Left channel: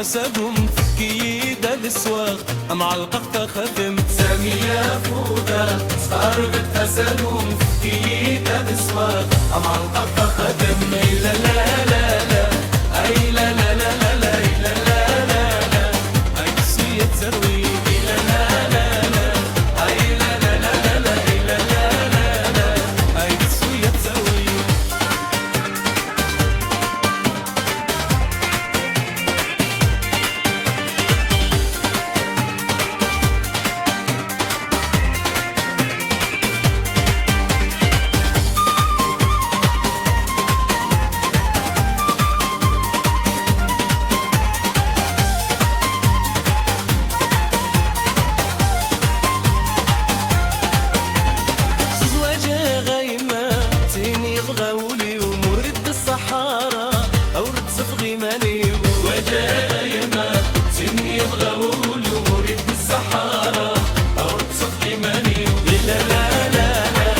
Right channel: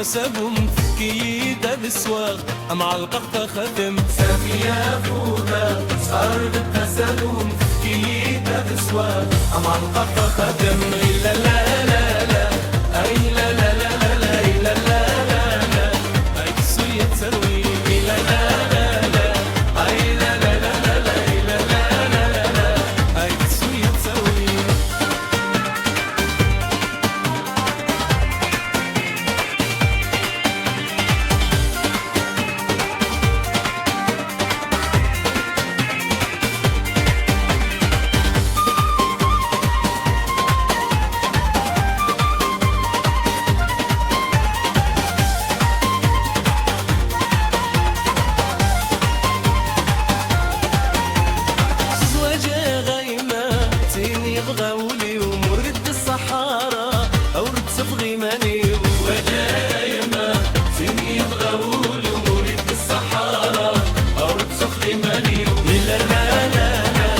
حسبهم كيد الاسواق معلقة ختم سامية فودا صار بتحسبهم كيد الاسواق معلقة ختم لا لا لا لا اي لا لا لا لا لا لا لا لا لا اي تسوية تروي لا لا لا لا اي لا لا لا لا لا لا لا لا لا اي تسوية تروي يبغاولي ومرد الصحارى أورد صفغي ماني وجاء يما سيني يبغاولي ومرد الصحارى أورد صفغي ماني لا لا لا لا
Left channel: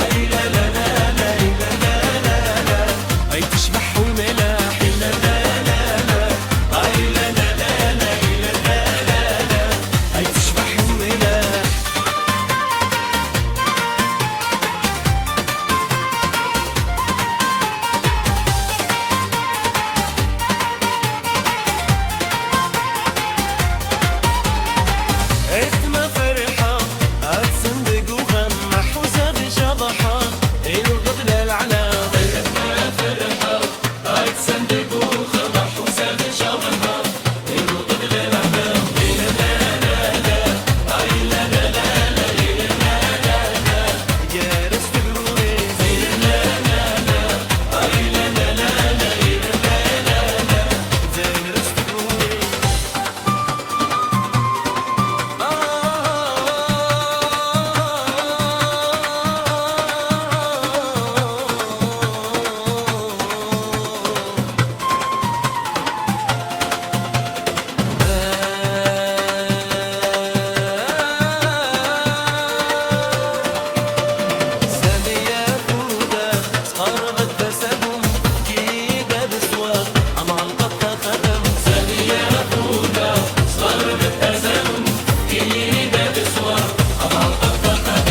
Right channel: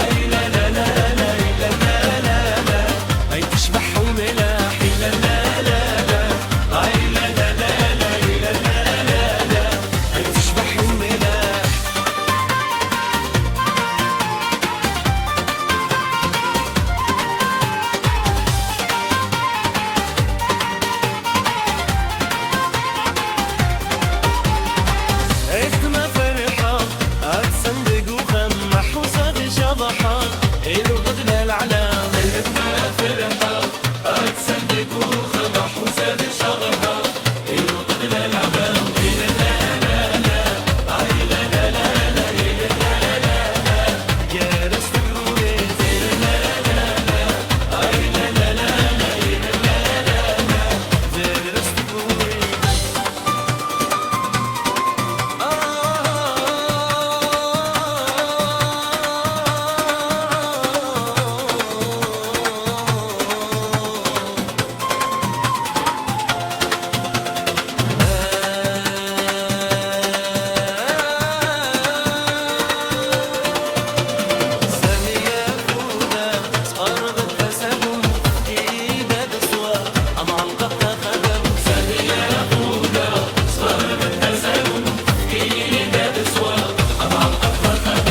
أي لا لا لا لا لا لا لا لا أي تشبح وملاح لا لا لا لا أي لا لا لا لا لا لا لا لا أي تشبح وملاح اسمها فرحة أتصندق وخمح وسابي شضحة الغدل العلام اسمها فرحة أتصندق وخمح وسابي شضحة الغدل العلام لا لا لا لا أي لا لا لا لا لا لا لا لا جارس تقروني لا لا لا لا أي لا لا لا لا لا لا لا جارس تقروني قربت حسبهم كيدا بسواق معلقة ختم سامية فودا قربت حسبهم كيدا بسواق معلقة ختم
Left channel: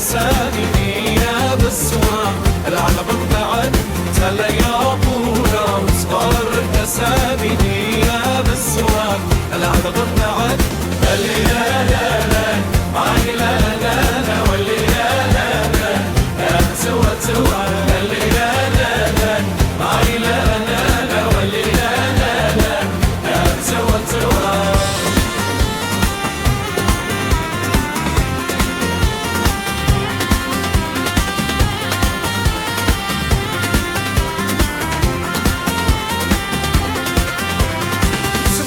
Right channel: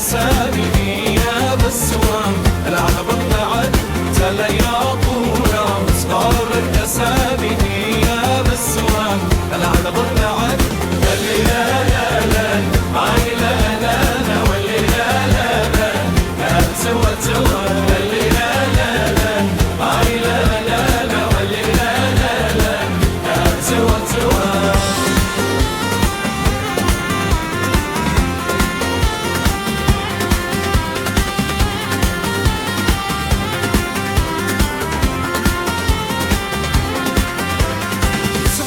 يا بالسوام العلى بطلعت تلا يا طورة صغار الأسامي يا بالسوام العلى بطلعت اللي لا لا لا معي لا لا لا واللي لا لا لا لا سوى سوى اللي لا لا لا معي لا لا لا واللي لا لا لا لا سوى سوى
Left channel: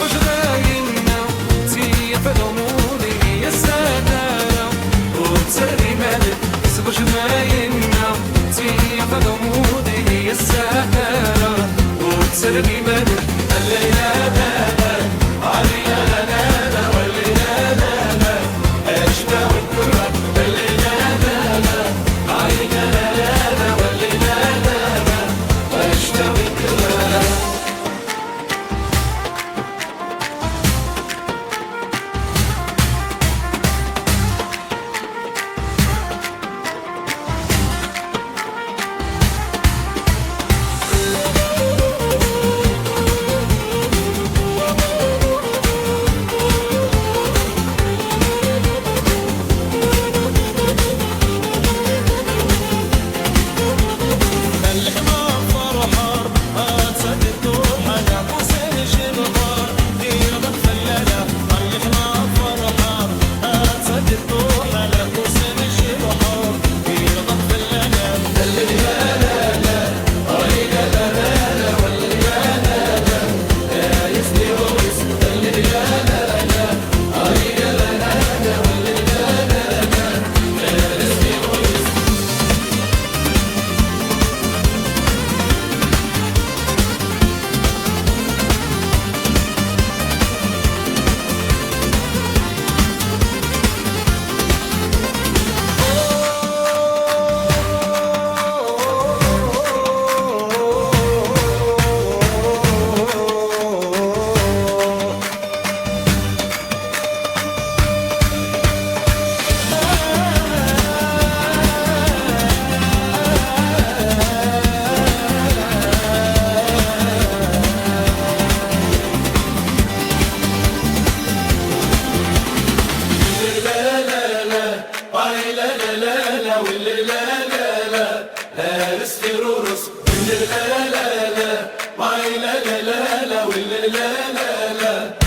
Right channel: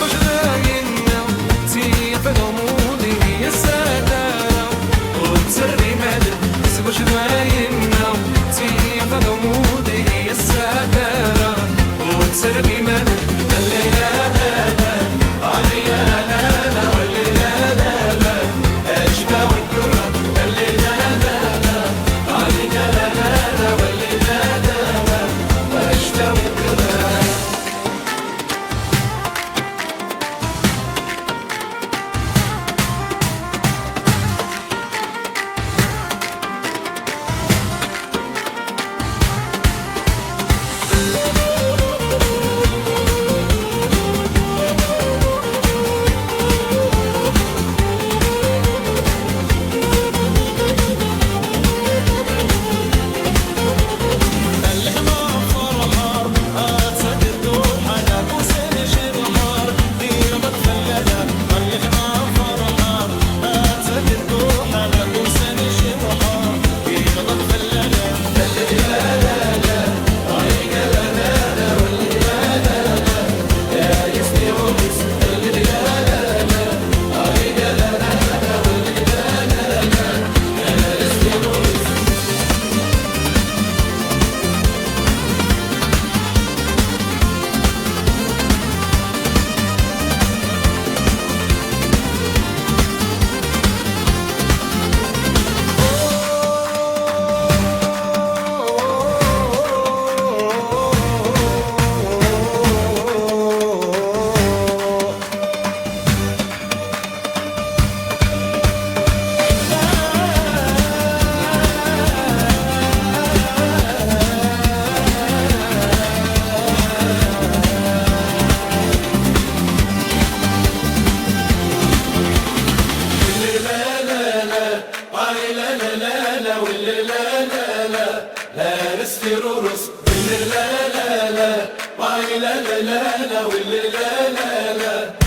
باش راين فدمودي السادة وتسرني مدد سبوش بايننا تيا فدمودي السادة وتسرني مدد الليلة لا عليا لا والليلة لا أجدى والكرة الليلة لا عليا لا والليلة لا أجدى والكرة لا لا لا لا واللي لا لا لا لا رس لا لا لا لا لا لا لا واللي لا لا لا